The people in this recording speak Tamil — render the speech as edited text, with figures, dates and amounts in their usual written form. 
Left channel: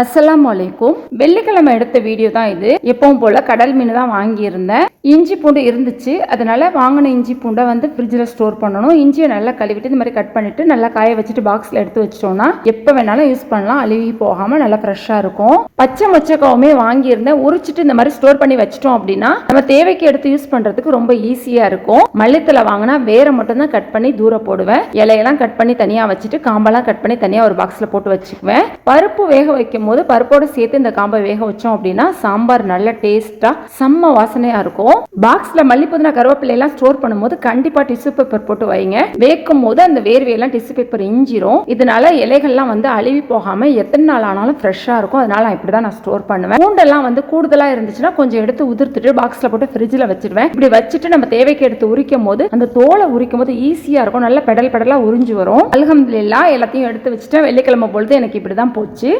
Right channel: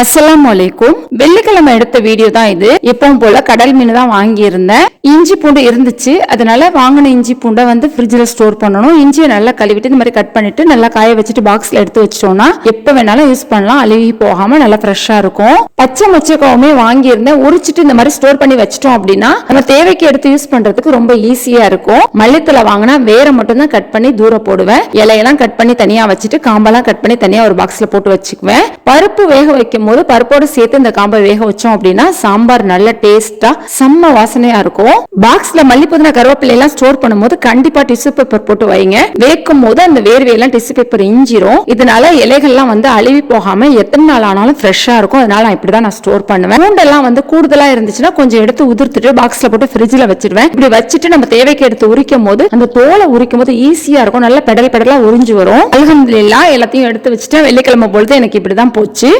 அஸ்ஸலாமு அலைக்கும். வெள்ளிக்கிழமை எடுத்த வீடியோ தான் இது. எப்பவும் போல கடல் மீன் தான் வாங்கி இருந்தேன். இஞ்சி பூண்டு இருந்துச்சு, அதனால வாங்கின இஞ்சி பூண்டை வந்து ஃப்ரிட்ஜில் ஸ்டோர் பண்ணணும். இஞ்சியை நல்லா கழுவிட்டு இந்த மாதிரி கட் பண்ணிட்டு நல்லா காய வச்சுட்டு பாக்ஸ்ல எடுத்து வச்சிட்டோம்னா எப்ப வேணாலும் யூஸ் பண்ணலாம், அழுகி போகாம நல்லா ஃப்ரெஷ்ஷா இருக்கும். பச்சை மொச்சக்காவுமே வாங்கி இருந்தேன், உரிச்சிட்டு இந்த மாதிரி ஸ்டோர் பண்ணி வச்சிட்டோம் அப்படின்னா நம்ம தேவைக்கு எடுத்து யூஸ் பண்றதுக்கு ரொம்ப ஈஸியா இருக்கும். மல்லித்தலை வாங்கினா வேற மட்டும் தான் கட் பண்ணி தூர போடுவேன். இலையெல்லாம் கட் பண்ணி தனியா வச்சுட்டு காம்பெல்லாம் கட் பண்ணி தனியா ஒரு பாக்ஸ்ல போட்டு வச்சுக்குவேன். பருப்பு வேக வைக்கும் போது பருப்போடு சேர்த்து இந்த காம்பை வேக வச்சோம் அப்படின்னா சாம்பார் நல்ல டேஸ்டா செம்ம வாசனையா இருக்கும். பாக்ஸ்ல மல்லிப்புதினா கருவேப்பிலை எல்லாம் ஸ்டோர் பண்ணும்போது கண்டிப்பா டிஷ்யூ பேப்பர் போட்டு வைங்க. வேக்கும் போது அந்த வேர்வையெல்லாம் டிஷ்யூ பேப்பர் இஞ்சிரும். இதனால இலைகள்லாம் வந்து அழுவி போகாம எத்தனை நாள் ஆனாலும் ஃப்ரெஷ்ஷா இருக்கும். அதனால நான் இப்படிதான் நான் ஸ்டோர் பண்ணுவேன். பூண்டெல்லாம் வந்து கூடுதலா இருந்துச்சுன்னா கொஞ்சம் எடுத்து உதிர்த்துட்டு பாக்ஸ்ல போட்டு ஃப்ரிட்ஜ்ல வச்சிருவேன். இப்படி வச்சுட்டு நம்ம தேவைக்கு எடுத்து உரிக்கும் போது அந்த தோலை உரிக்கும் போது ஈஸியா இருக்கும். நல்ல பெடல் பெடலா உறிஞ்சு வரும். அல்ஹம்துலில்லாஹ் எல்லாத்தையும் எடுத்து வச்சுட்டு வெள்ளிக்கிழமை பொழுது எனக்கு இப்படிதான் போச்சு.